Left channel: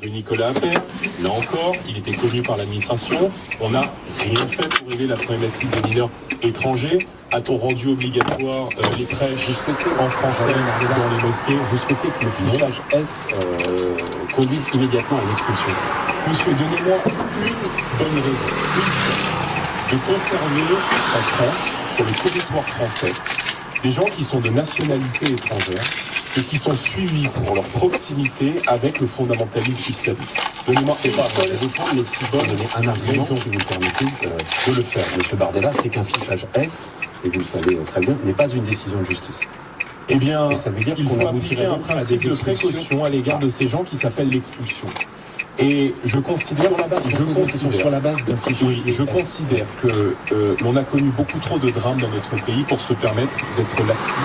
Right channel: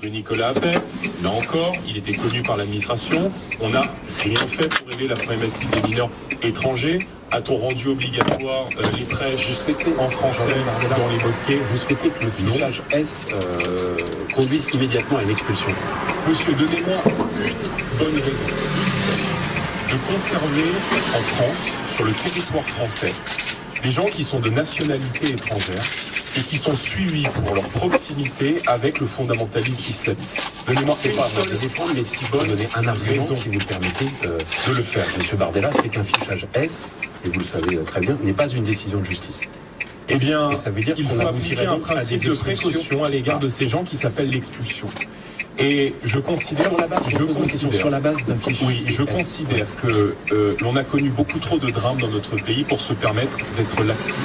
Rue Nicolas Appert, là encore, il était connu par l'administration. On n'a rien fait pour régler la problématique des mineurs étrangers. A-t-on rendu obligatoire les prêches en français dans les mosquées? Vous souhaitez que le fichage S conduise immédiatement à une expulsion? Monsieur, donnez-moi une bonne raison, une seule, de conserver en France, sur le territoire français, des gens qui sont de nationalité étrangère et qui sont suivis pour leur proximité avec le fondamentalisme islamiste. Donnez-moi C'est pas à défendre, mais si vous donnez un argument, si vous le permettez, de le faire. Monsieur Bardella, c'est qu'un fichage S, et vous le savez très bien, n'est pas une décision de justice. Eh bien, et ça veut dire il faut appliquer un principe de précaution à l'égard de ces gens qui s'appelle l'expulsion. Et je considère, sur la base d'un fichier. Oui, je considère que l'on a connu beaucoup trop de drames dans notre pays pour se permettre d'être laxiste.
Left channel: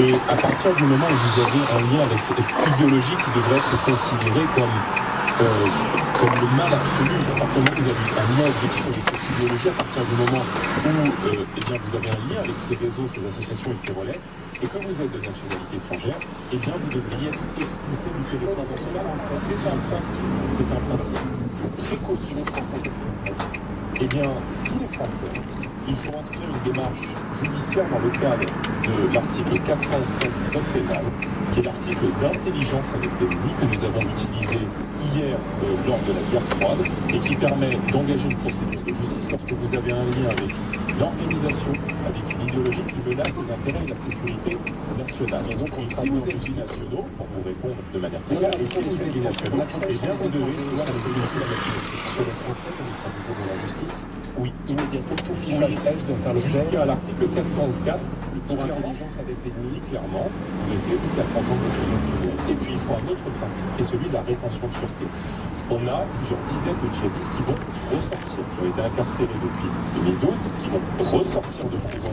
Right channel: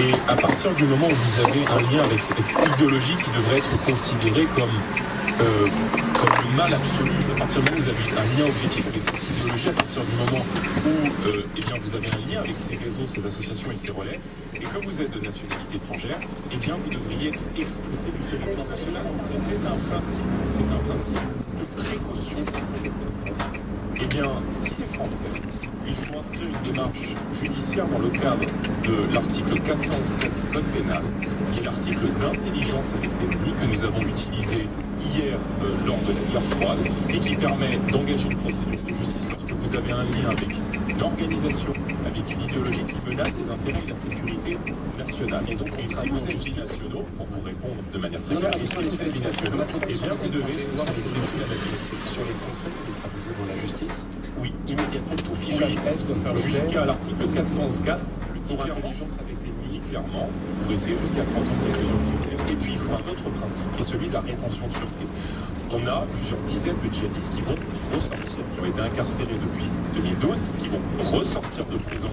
Et à partir du moment où vous avez un lien avec cette idéologie qui devrait être considérée comme le mal absolu, à partir du moment où vous avez un lien objectif avec cette idéologie, à partir du moment où eh bien, vous avez un lien avec ces réseaux, ces associations et ces relais, et que vous êtes de nationalité étrangère, eh bien vous devriez être expulsé du territoire national. C'est un principe de précaution française. Eh bien, si les Français, il faut inscrire une démarche judiciaire dans le cadre de l'article 411 du Code pénal, qui est l'article d'intelligence avec l'ennemi que nous avons utilisé hier lors de la guerre froide et qui permet d'engager une procédure de justice lorsque vous avez un lien avec une organisation, avec une idéologie qui menace les intérêts et la sécurité nationale. Et donc, si vous êtes binationaux, pour vous répondre de manière très claire, et si vous êtes binationaux, eh bien vous devez pouvoir être sur les Français que vous traduisez dans la justice. Oui, immédiatement, tout fichage S doit faire l'objet. Jusqu'à l'article 411.4, pour intelligence avec l'ennemi, clairement, vous essayez jusqu'à 30 ans de réclusion criminelle. Et puis, il faut un autre principe qui est celui de la rétention de sûreté. On a plusieurs dizaines de djihadistes qui vont ressortir, qui ont été incarcérés depuis 2012, qui vont ressortir de prison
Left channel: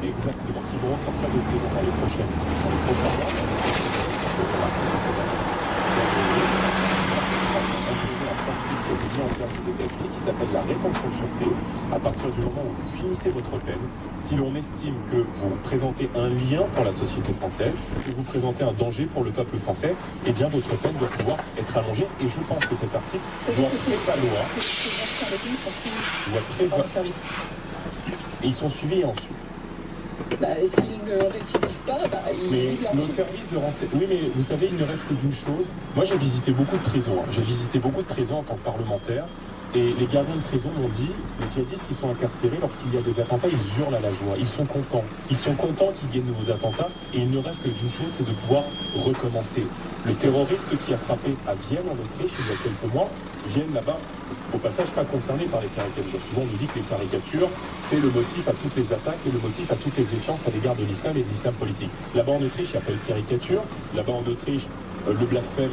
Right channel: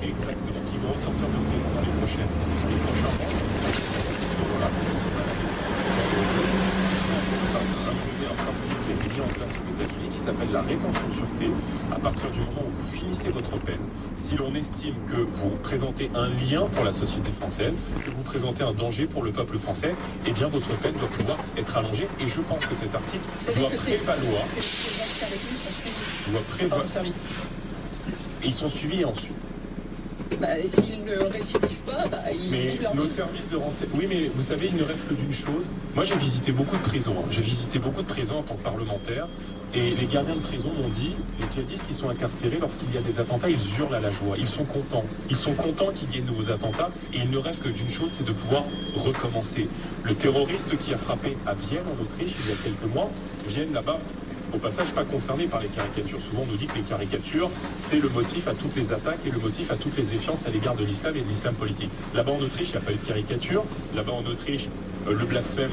exactement, qui vont ressortir de prison dans les prochains mois. Mis en place aux États-Unis qui s'appelle la rétention de sûreté. À partir du moment où vous finissez votre peine, si l'on estime que vous présentez un lien pour la société française, que vous présentez un danger pour le peuple français, eh bien votre peine doit pouvoir être allongée. Et je pense que cet article doit prévaloir. Et ils sont suivis ensuite. S'ils ne récidivent pas, mais nos services de renseignement... Oui, mais vous savez, il ne rêve que d'une chose. Moi, j'ai visité beaucoup de prisons. J'ai visité beaucoup de prisons en tant que parlementaire. Et les gardiens de prison m'ont dit, les djihadistes qui sont incarcérés, lorsqu'il y a des attentats, ils hurlent à la joie. Ils sont contents. Ils sont contents qu'il y ait de nouveaux attentats. Et ils ne rêvent que d'une chose, c'est de pouvoir recommencer. Le terroriste qui a frappé à Vienne, en Autriche, il y a quelques mois, Vienne là-bas, au passage, pas concerné par les caricatures. Souvent, on nous dit que les caricatures, c'est le motif à toutes les attaques et le motif à toutes les défiances à l'égard de l'islam et de l'islam politique. Là-bas en Autriche, il n'y a pas eu de caricature. Là-bas en Autriche, le blasphème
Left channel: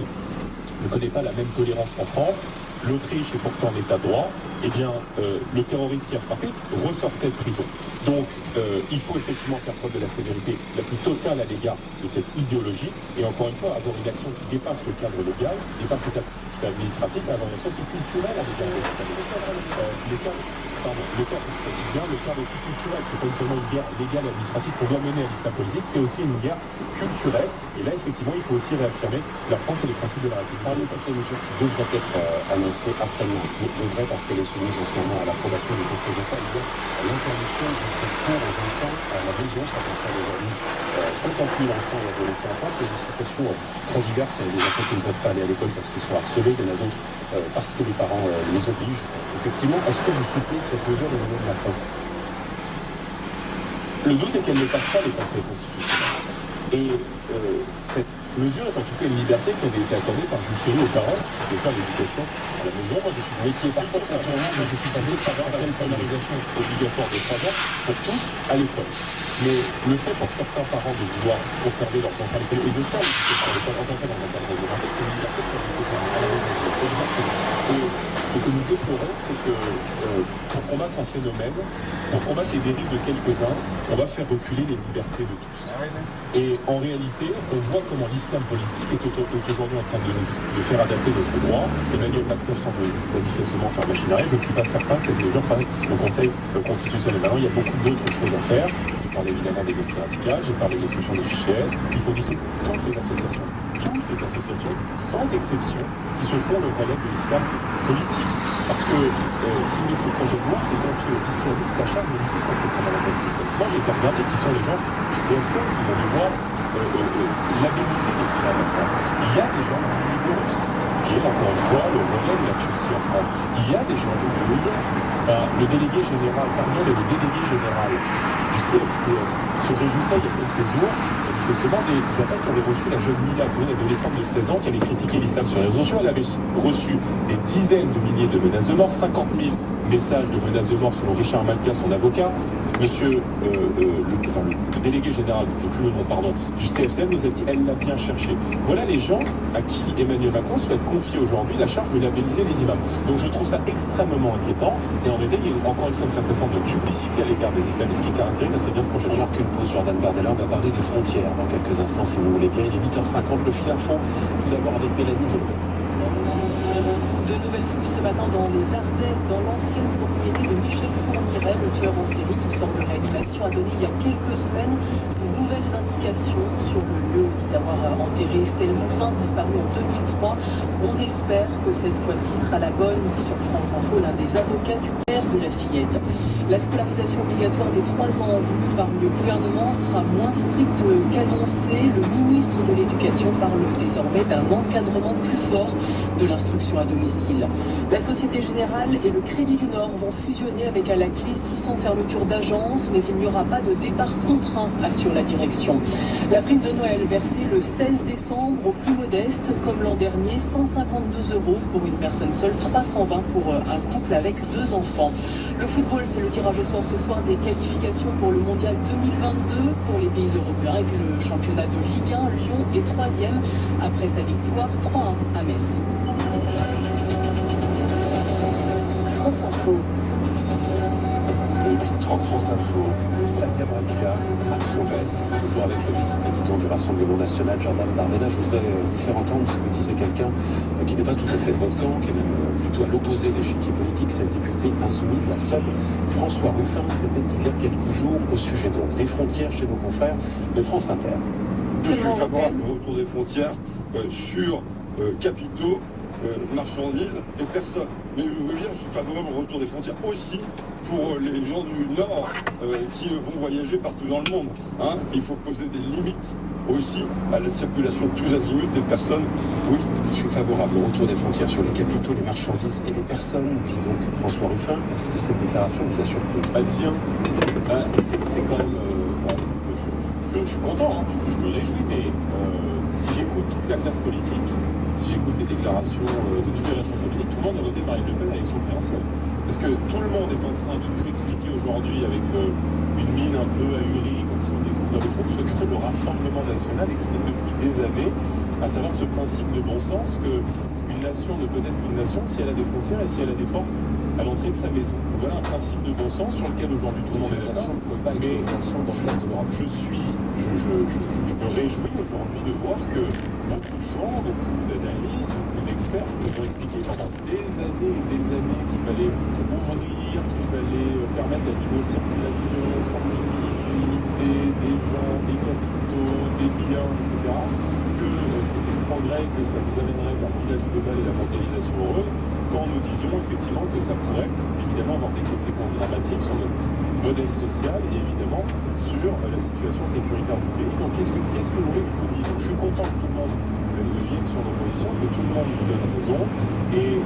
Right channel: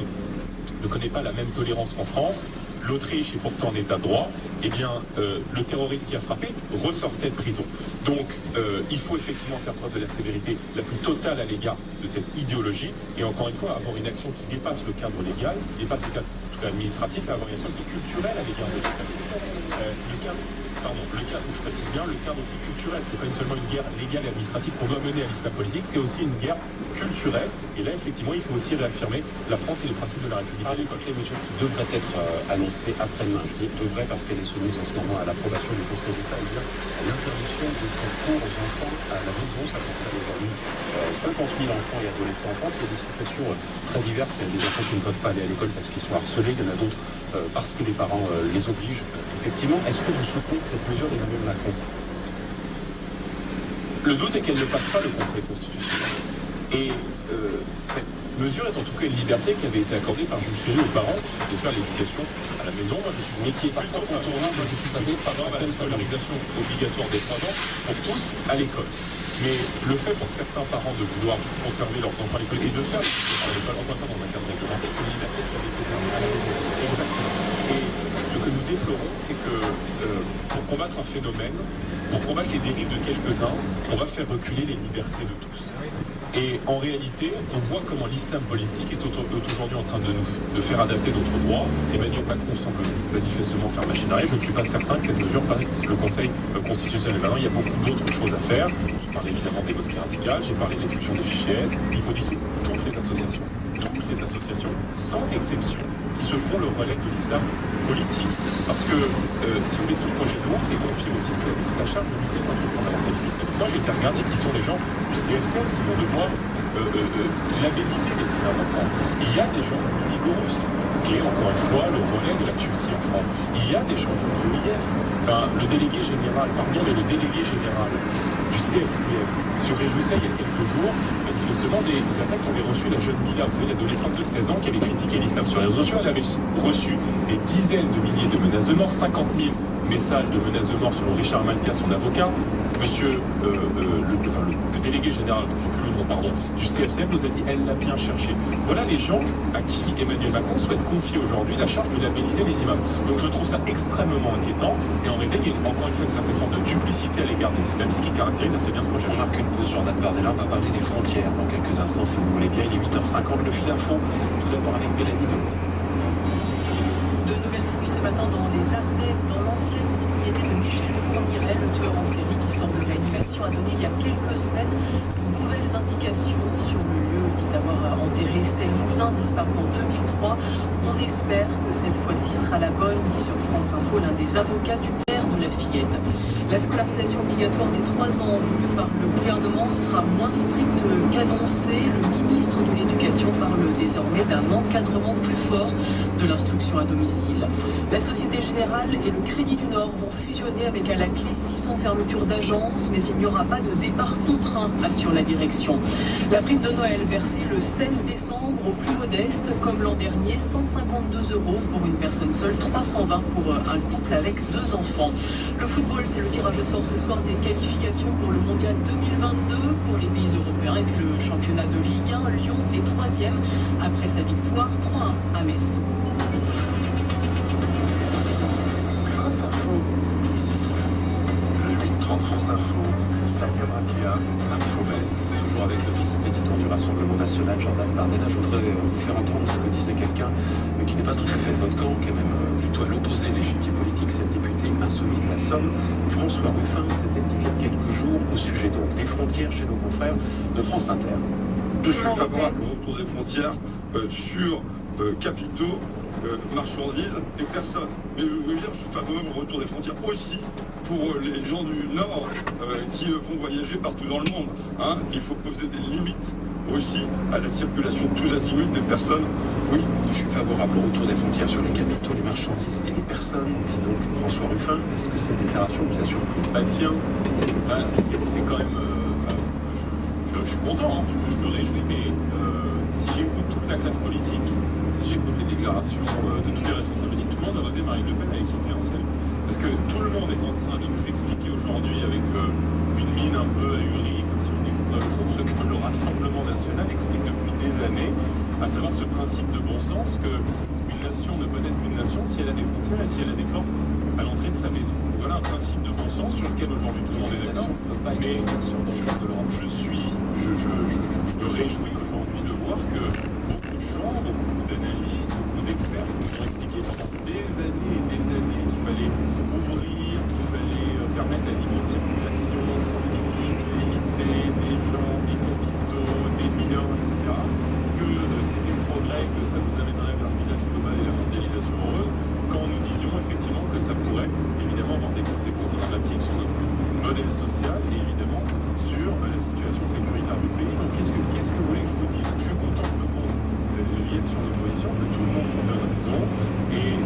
ne connaît pas la même tolérance qu'en France. L'Autriche est pourtant en état de droit. Eh bien, le terroriste qui a frappé ressortait de prison. Donc, il faut effectivement faire preuve de la sévérité la plus totale à l'égard de cette idéologie. Et encore une fois, avoir une action qui dépasse le cadre légal, dépasse le cadre administratif, et avoir une action qui est culturelle à l'égard de le cadre, je précise bien, le cadre aussi culturel. C'est pas seulement une guerre légale et administrative qu'on doit mener à l'islam politique, c'est aussi une guerre culturelle. Et là, effectivement, il faut aussi réaffirmer la France et les principes de la République. Parmi toutes les mesures qui devraient être annoncées après-demain, devraient parce qu'elle est soumise en ce moment à l'approbation du Conseil d'État, il y a l'interdiction de faire cours aux enfants à la maison. Ça concerne aujourd'hui 50 000 enfants et adolescents en France. Il y a des situations très diverses. Il y a des enfants qui ne peuvent pas aller à l'école parce qu'ils sont harcelés. Il y en a d'autres parce que les parents les obligent. Effectivement, est-ce que vous soutenez cette mesure d'Emmanuel Macron? Le doute est qu'elle ne passe pas le Conseil constitutionnel. Et cette mesure est en tout cas une liberté qui avait été accordée par Jules Ferry aux parents de faire l'éducation à la maison. Moi, je suis mais qui est parfois contournant, je suis savez, par la scolarisation obligatoire de 3 ans pour tous à l'école. Mais le fait pour certains parents de vouloir conserver leurs enfants à l'école et de faire l'éducation à l'école, encore une fois dans un cadre réglementaire, c'est une liberté qui a été accordée à la maison. Exactement. Et ce que nous déplorons, c'est que pour combattre un phénomène, pour combattre les dérives de quelques-uns, on va faire reculer les libertés de tous. Et en réalité, on voit comment l'islam politique est aujourd'hui en train de faire adapter notre droit. Emmanuel Macron semble manifestement faire machine arrière. Je ne suis pas certain que cette mesure passe le Conseil constitutionnel. Maintenant, il y a beaucoup d'autres choses à faire. J'ai parlé évidemment des mosquées radicales, j'ai parlé de l'expulsion des fichiers S. Il faut dissoudre toutes les associations des associations, sans exception, qui se font le relais de l'islam politique. Parce que, si vous voulez, ce projet de loi, c'est confier aux islamistes la charge de lutter contre le fondamentalisme islamique. Moi, j'ai été regarder qui sont les gens du CFCM qui vont devoir labelliser les imams en France. Il y a des gens du Ligorus, qui est encore une fois le relais de la Turquie en France. Il y a des gens de l'OIF. Enfin, le délégué général du CFCM se réjouissait il y a quelques jours, manifestement, des attaques qu'avait reçues la jeune Mila, vous savez, l'adolescente de 16 ans qui avait critiqué l'islam sur les réseaux sociaux. Elle avait reçu des dizaines de milliers de menaces de mort, 50 000 messages de menaces de mort selon Richard Malka, son avocat. Monsieur le délégué général, j'ai plus le nom, pardon, du CFCM nous a dit elle l'a bien cherché. Voilà les gens à qui Emmanuel Macron souhaite confier aujourd'hui la charge de labelliser les imams. Donc je trouve ça extrêmement inquiétant et en réalité il y a encore une fois une certaine forme de duplicité à l'égard des islamistes qui caractérise assez bien ce projet. On marque une pause, Jordan Bardella, on va parler des frontières dans quelques instants si vous voulez bien. Il est 8h50, le fil à fond, tout d'abord avec Mélanie Delon. De nouvelles fouilles ce matin dans les Ardennes, dans l'ancienne propriété de Michel Fourniret, le tueur en série qui sort de réanimation, a donné il y a quelques semaines de nouvelles indications sur le lieu, dit avoir enterré Estelle Mouzin, disparue en 2003. On espère que cette fois-ci sera la bonne, dit sur France Info l'un des avocats du père de la fillette. La scolarisation obligatoire des 3 ans voulue par le gouvernement sera moins stricte qu'annoncé. Le ministre de l'Éducation parle désormais d'un encadrement plus fort de l'instruction à domicile. La Société Générale et le Crédit du Nord vont fusionner avec à la clé 600 fermetures d'agences, mais il n'y aura pas de départ contraint, assure la direction. La prime de Noël versée le 16 décembre aux plus modestes, comme l'an dernier, 152 € pour une personne seule, 320 pour un couple avec 2 enfants. Le football, c'est le tirage au sort ce soir des qualifications pour le Mondial 2022 pour les pays européens. Et puis le championnat de Ligue 1, Lyon est 3e après sa victoire 3-1 à Metz. France Info. Le 8h30 France Info, Samia Braglia, Marc Fauvel. Toujours avec le vice-président du Rassemblement National, Jordan Bardella. Je voudrais vous faire entendre ce que disait quelqu'un qui n'est pas tout à fait de votre camp, qui est même plutôt à l'opposé de l'échiquier politique, c'est le député insoumis de la Somme, François Ruffin. C'était il y a quelques jours au sujet donc des frontières chez nos confrères de France Inter. Je suis favorable au retour des frontières sur capitaux, marchandises et personnes. Mais je veux dire, je suis favorable au retour des frontières aussi pour les gens du Nord qui vont voyager partout dans le monde. Hein. Il faut poser des limites aussi à la circulation de tous azimuts des personnes. Oui. Je suis favorable au retour des frontières sur les capitaux, les marchandises et les personnes, dit donc François Ruffin. Est-ce que cette déclaration vous a surpris? Bah tiens, c'est quand même... je suis content, hein, je me réjouis, mais si j'écoute toute la classe politique, si j'écoute les déclarations de tous les responsables politiques, tout le monde a voté Marine Le Pen avec son crédentiel. Parce que tout le monde est en train de nous expliquer aujourd'hui avec une mine un peu ahurie, comme si on découvrait le chose, ce que le Rassemblement National explique depuis des années, à savoir ce principe de bon sens qu'une nation ne peut être qu'une nation si elle a des frontières et si elle a des portes à l'entrée de sa maison. Voilà un principe de bon sens sur lequel aujourd'hui tout le monde est d'accord. Mais une nation dans le cadre de l'Europe. Je me réjouis aujourd'hui de voir que beaucoup de gens, beaucoup d'analystes, beaucoup d'experts nous ont expliqué pendant des années qu'il fallait ouvrir, qu'il fallait permettre la libre circulation sans limite limitée des gens, des capitaux, des biens, etc. Que c'était le progrès, que ça nous amènerait vers le village global et la mondialisation heureuse, quand nous disions effectivement que ça pourrait évidemment avoir des conséquences dramatiques sur notre modèle social et évidemment sur la situation sécuritaire du pays. Donc qu'est-ce que vous voulez que je vous dise? Je suis content que tout le monde vienne sur nos positions, que tout le monde nous donne raison et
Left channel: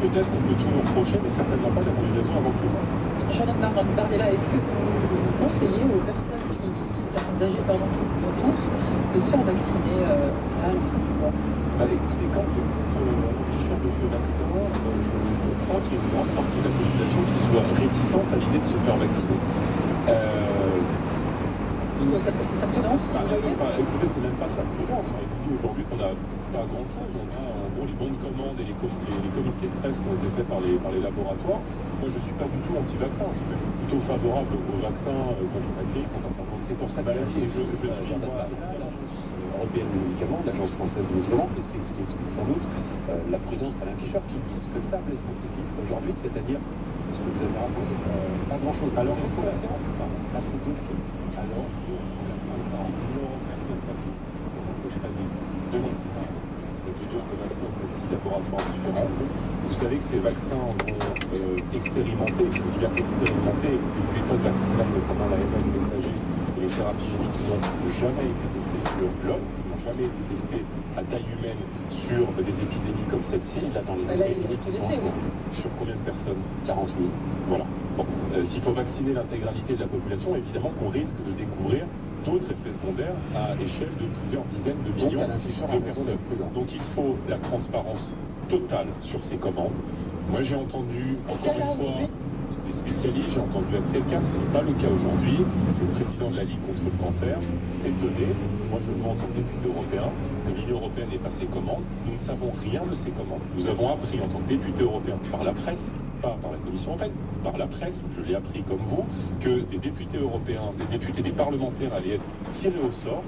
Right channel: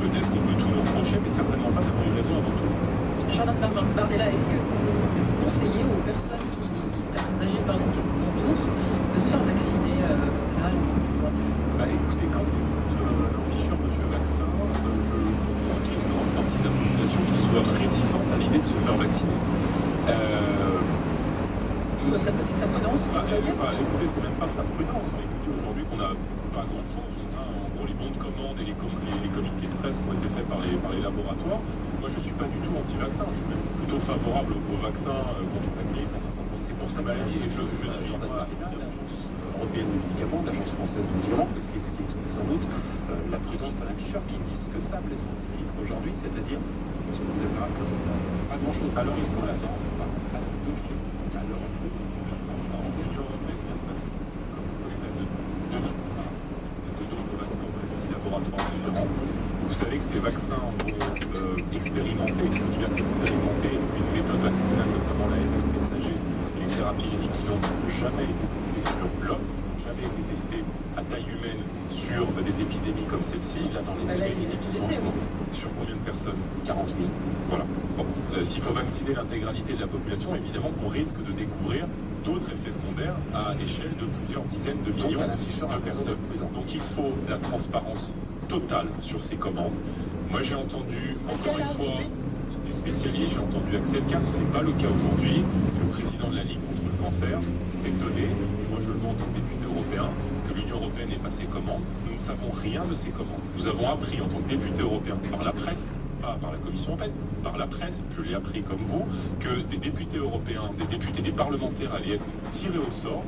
peut-être qu'on peut tout nous reprocher, mais certainement pas d'avoir eu raison avant tout le monde. Jordan Bardella, est-ce que vous conseillez aux personnes âgées qui vous entourent de se faire vacciner à la fin du mois? Écoutez, quand j'écoute l'afficheur Monsieur Vaccin, je comprends qu'il y a une grande partie de la population qui soit réticente à l'idée de se faire vacciner. C'est sa prudence? Écoutez, c'est même pas sa prudence. On dit aujourd'hui qu'on n'a pas grand-chose. On a en gros les bons de commande et les communiqués de presse qui ont été faits par les laboratoires. Moi, je ne suis pas du tout anti-vaccin. Je suis même plutôt favorable aux vaccins contre la grippe, contre un certain nombre de C'est pour ça que maladies. Je suis l'Agence européenne du médicament, l'Agence française du médicament, et c'est ce qui explique sans doute la prudence d'Alain Fischer qui dit ce que savent les scientifiques aujourd'hui, c'est-à-dire ce que vous avez rappelé, pas grand-chose. Alors, il faut la France passer 2 filtres. Alors, l'Union européenne vient de passer, comme on peut faire de 2020. laboratoires différents. Vous savez que ces vaccins vont expérimenter, je dis bien expérimenter, une méthode vaccinale, notamment l'ARN messager et les thérapies géniques qui n'ont jamais été testées sur l'homme, qui n'ont jamais été testées à taille humaine sur des épidémies comme celle-ci. Là, dans les Là, essais il y a cliniques tout qui sont essai, en cours, Sur combien de personnes? 40 000. Voilà. Bon, s'il faut vacciner l'intégralité de la population, évidemment qu'on risque de découvrir d'autres effets secondaires à échelle de plusieurs dizaines de Donc, millions à l'afficheur, de a raison personnes. d'être prudent. Donc il faut la transparence totale sur ces commandes. Moi j'ai entendu, encore une fois, des spécialistes, j'ai entendu Axel Kahn, ce n'est pas le cas aujourd'hui. Le président de la Ligue contre le cancer s'étonnait, moi je le vois en tant que député européen, que l'Union européenne ait passé commande. Nous ne savons rien de ces commandes. Nous avons appris en tant que député européen par la presse, pas par la Commission européenne, par la presse, je l'ai appris comme vous, que des députés européens, des parlementaires allaient être tirés au sort,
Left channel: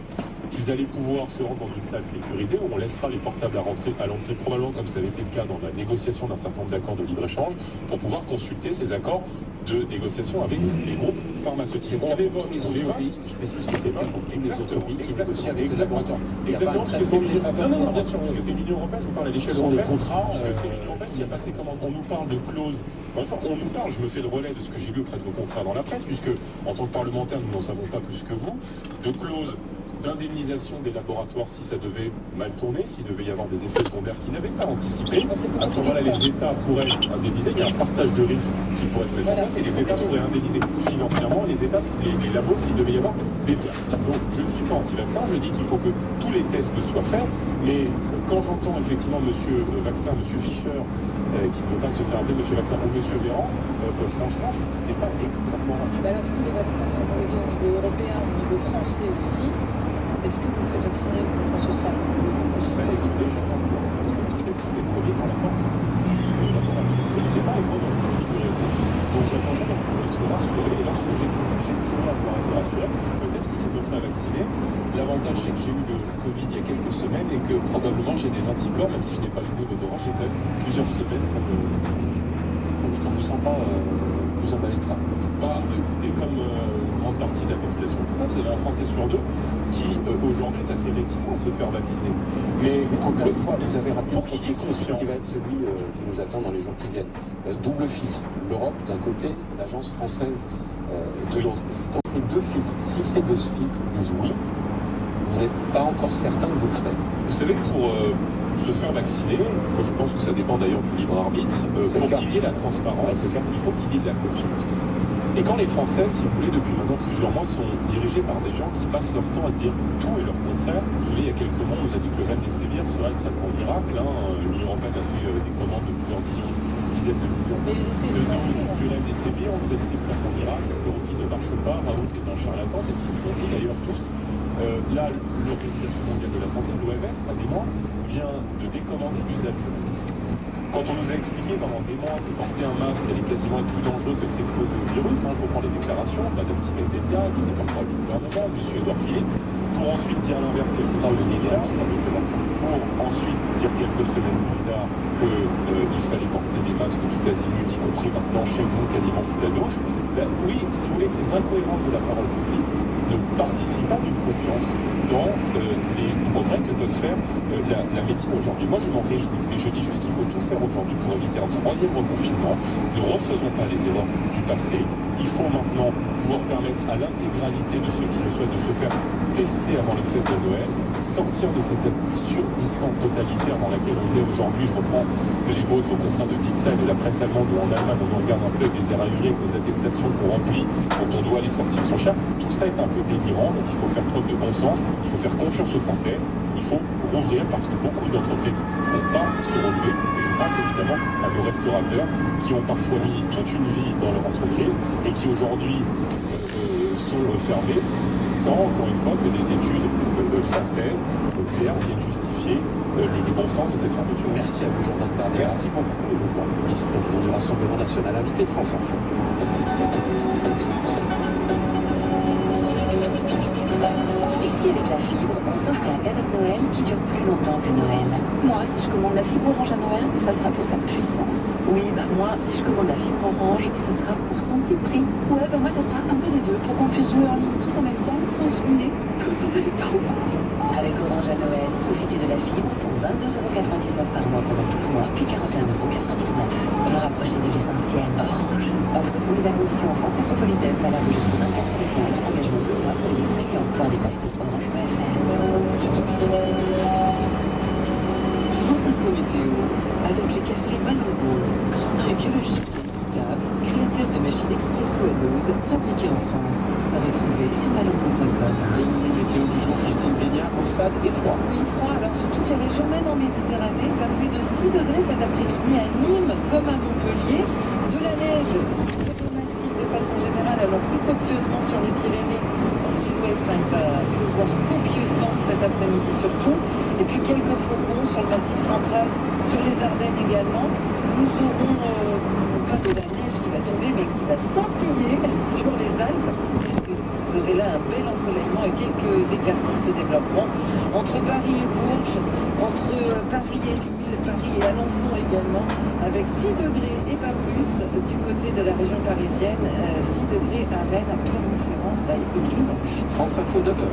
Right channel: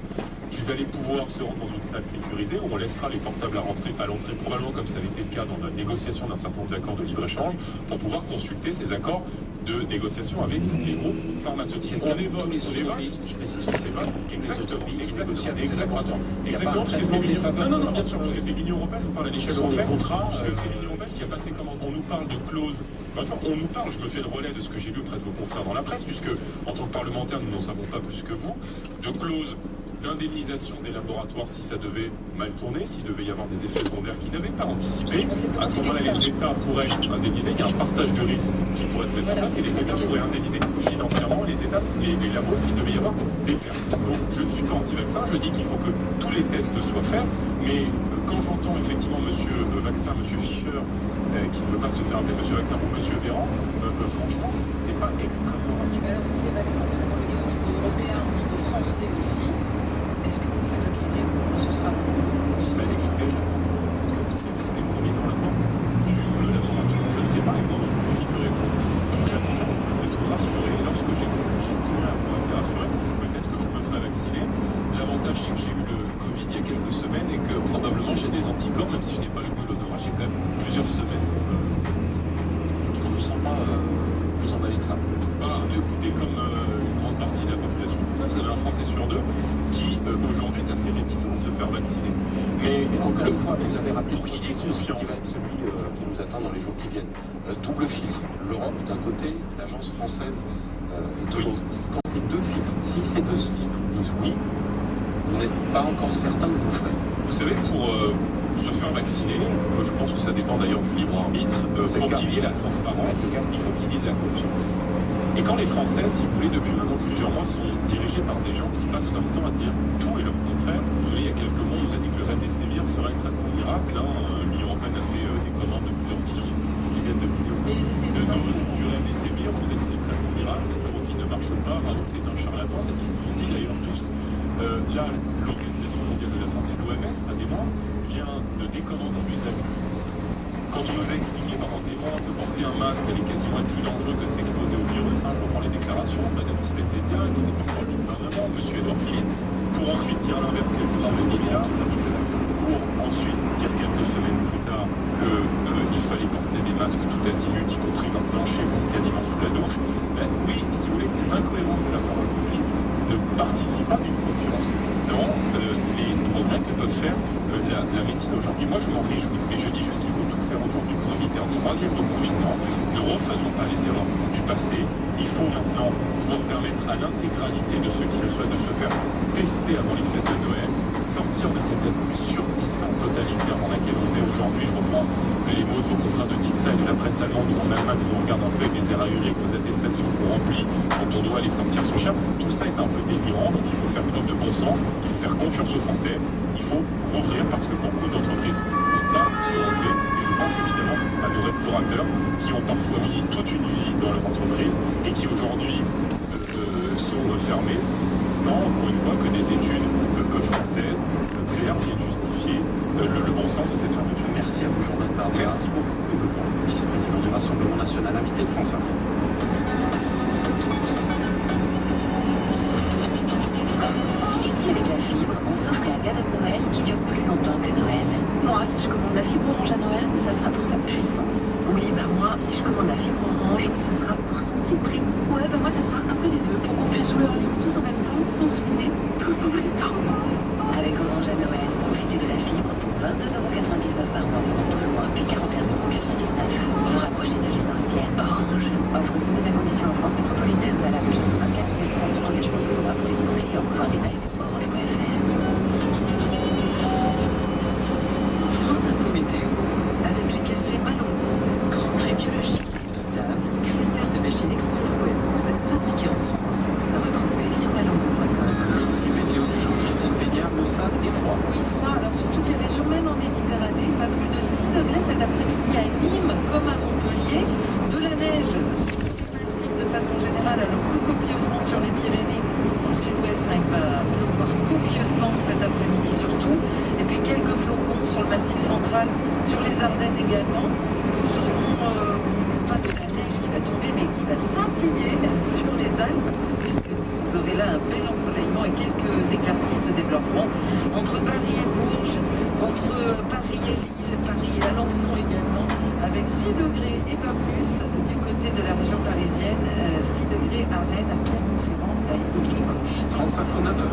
qu'ils allaient pouvoir se rendre dans une salle sécurisée où on laissera les portables à l'entrée, probablement comme ça avait été le cas dans la négociation d'un certain nombre d'accords de libre-échéange, pour pouvoir consulter ces accords de négociation avec les groupes pharmaceutiques. C'est pour tous les autres pays, je précise que c'est le cas pour tous les autres pays qui négocient avec les laboratoires. Il n'y a pas un traitement défavorable. Non, bien sûr, parce que c'est l'Union européenne, je parle à l'échelle Ce sont des européenne. contrats. Parce que c'est l'Union européenne qui a passé commande. On nous parle de clauses. Encore une fois, on nous parle, je me fais le relais de ce que j'ai lu auprès de vos confrères dans la presse, puisque en tant que parlementaire, nous n'en savons pas plus que vous, de clauses d'indemnisation des laboratoires si ça devait mal tourner, s'il devait y avoir des effets secondaires qu'ils n'avaient pas anticipés. À ce moment-là, les États pourraient indemniser. Il y a un partage de risques qui pourrait se mettre en place et les États pourraient indemniser financièrement les États, les labos, s'il devait y avoir des pertes. Donc, je ne suis pas anti-vaccin. Je dis qu'il faut que tous les tests soient faits. Mais quand j'entends effectivement Monsieur Vaccin, Monsieur Fischer, qui ne veut pas se faire appeler Monsieur Vaccin ou Monsieur Véran, franchement, c'est pas extrêmement rassurant. Alors si les vaccins sont homologués au niveau européen, au niveau français aussi, est-ce que vous vous faites vacciner quand ce sera possible? Écoutez, j'attends. Est-ce que vous serez les premiers dans la porte du laboratoire? Je ne sais pas, et moi non plus, figurez-vous. Donc j'attendrai d'être rassuré, et lorsque j'estimerai avoir été rassuré, peut-être que je me ferai vacciner. L'avantage, c'est que j'ai eu le Covid il y a quelques semaines et que probablement j'ai des anticorps, même si je n'ai pas le goût et l'odorat, j'ai quand même plusieurs semaines pour me vacciner. Donc, on ne vous sent pas plus emballé que ça. Bah, écoutez, comme une grande partie de la population française, vous avez un Français sur deux qui aujourd'hui est assez réticent à se faire vacciner. Mais Encore une fois, vous avez rappelé pour qu'il y ait confiance, qui va être celui qui nous attend dans les jours qui viennent. Double filtre. L'Europe d'un côté, l'agence française de l'autre. Quand ces deux filtres, si ces deux filtres disent oui, vous n'êtes pas encore certain que vous le ferez. vous savez, pour se faire vacciner, moi je pense que ça dépend d'ailleurs du libre arbitre, C'est pour le cas. qu'il y ait la transparence, C'est le cas. il faut qu'il y ait de la confiance. Et quand les Français, si vous voulez, depuis maintenant plusieurs mois, sont dirigés par des gens qui passent leur temps à dire tout et leur contraire. Vous savez, il y a quelques mois, on nous a dit que le Remdesivir serait le traitement miracle. L'Union européenne a fait des commandes de plusieurs dizaines de millions Mais les essais de de doses du Remdesivir. On nous a dit que c'est le traitement miracle, que le routine ne marche pas, Raoult est un charlatan, c'est ce qu'ils nous ont dit d'ailleurs tous. Là, l'Organisation mondiale de la santé, l'OMS, pas des mois, vient de décommander l'usage du Remdesivir. Quand on nous a expliqué pendant des mois que porter un masque allait quasiment être plus dangereux que de s'exposer au virus, je reprends les déclarations de Mme Sibeth Delia, qui était porte-parole du gouvernement, M. Édouard Philippe, pour ensuite dire l'inverse que c'est Dans le le Nigeria, qui fabrique le vaccin. pour ensuite dire quelques semaines plus tard qu'il fallait porter des masques tout azimut, y compris maintenant chez vous, quasiment sous la douche. Ben, oui, si vous voulez, ces incohérences de la parole publique ne participent pas d'une confiance dans les progrès que peuvent faire la médecine aujourd'hui. Moi, je m'en réjouis, mais je dis juste qu'il faut tout faire aujourd'hui pour éviter un troisième reconfinement. Ne refaisons pas les erreurs du passé. Il faut maintenant pouvoir permettre à l'intégralité de ceux qui le souhaitent de se faire tester avant les fêtes de Noël, sortir de cette absurde distance totalitaire dans laquelle on est aujourd'hui. Je reprends les mots de vos confrères de Titsa et de la presse allemande, où en Allemagne on nous regarde un peu avec des airs ahurés, avec nos attestations qu'on remplit quand on doit aller sortir son chien. Tout ça est un peu délirant, donc il faut faire preuve de bon sens, il faut faire confiance aux Français, il faut rouvrir parce que beaucoup d'entreprises ne vont pas se relever. Et je pense évidemment à nos restaurateurs qui ont parfois mis toute une vie dans leur entreprise et qui aujourd'hui sont fermés sans, encore une fois, que des études françaises claires viennent justifier le bon sens de cette fermeture. Merci à vous, Jordan Bardella. Merci beaucoup et bonne journée. Vice-président du Rassemblement National, invité de France Info. Ici, avec la fibre, on s'offre un cadeau de Noël qui dure plus longtemps que Noël. Moi, si je commande la fibre orange à Noël, ça sera pour sa puissance. Oui, bah moi, si je commande la fibre orange, ce sera pour son petit prix. Ouais, bah moi, ça sera un peu des deux, pour qu'on puisse jouer en ligne tous en même temps, sans se ruiner, tous en même temps. Avec Orange à Noël, profitez de la fibre pour 22,99 € par mois pendant 12 mois, puis 41,99 €. Vous rapprochez de l'essentiel. Orange. Offre soumise à condition en France métropolitaine, valable jusqu'au 24 décembre. Engagement 12 mois pour les nouveaux clients. Voir détails sur orange.fr. France Info Météo. Avec les cafés Malongo, grand prix biologique et équitable, créateur de machines expresso et dose, fabriquées en France. À retrouver sur malongo.com. Météo du jour, Christine Béniard, maussade et froid. Oui, froid. Alors sur toutes les régions, même en Méditerranée, pas plus de 6 degrés cet après-midi à Nîmes comme à Montpellier. De la neige sur le massif de façon générale, alors plus copieusement sur les Pyrénées. Dans le sud-ouest, il va pleuvoir copieusement cet après-midi surtout. Et puis quelques flocons sur le massif central, sur les Ardennes également. Nous aurons pas de la neige qui va tomber, mais qui va scintiller sur les Alpes, puisque vous aurez là un bel ensoleillement et quelques éclaircies se développeront entre Paris et Bourges, entre Paris et Lille, Paris et Alençon également, avec 6 degrés et pas plus du côté de la région parisienne, 6 degrés à Rennes, à Clermont-Ferrand et Limoges. France Info 9h.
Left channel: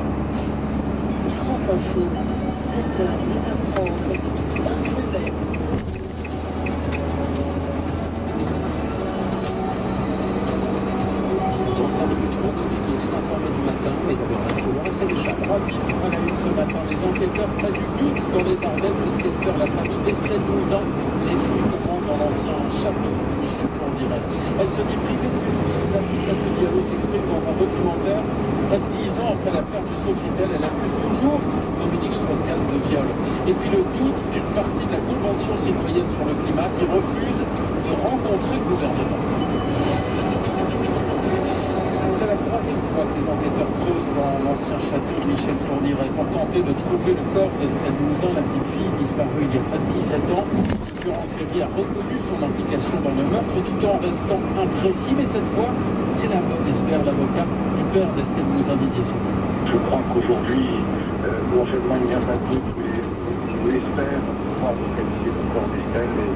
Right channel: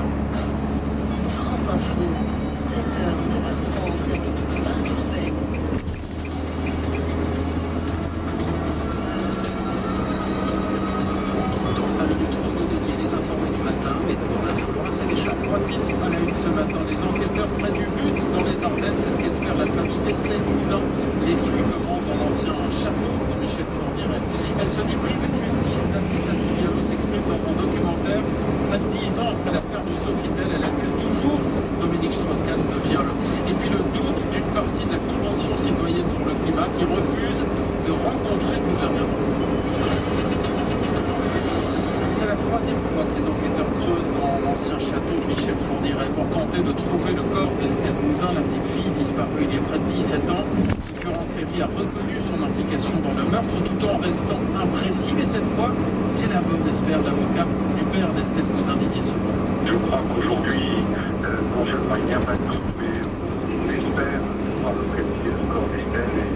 France Info, 7h, 9h30, Marc Fouvel. Dans 5 minutes, redonner les informés du matin, mais d'abord l'info, Laura Sénéchal. 3 titres à la une ce matin. Les enquêteurs près du but dans les Ardennes, c'est ce qu'espère la famille d'Estelle Mouzin. Les fouilles commencent dans l'ancien château de Michel Fourniret. Elle se dit privée de justice. Nafissa Diallo s'exprime dans un documentaire. Près de 10 ans après l'affaire du Sofitel, elle accuse toujours Dominique Strauss-Kahn de viol. Et puis le doute d'une partie de la Convention citoyenne sur le climat qui refuse de rencontrer le gouvernement. C'est la 3e fois que les enquêteurs creusent dans l'ancien château de Michel Fourniret pour tenter de trouver le corps d'Estelle Mouzin, la petite fille disparue il y a près de 17 ans. Le tueur en série a reconnu son implication dans le meurtre tout en restant imprécis, mais cette fois, c'est la bonne, espère l'avocat du père d'Estelle Mouzin, Didier Saubon. Je crois qu'aujourd'hui, non seulement il n'y a pas de doute, mais on espère pouvoir localiser le corps d'Estelle, et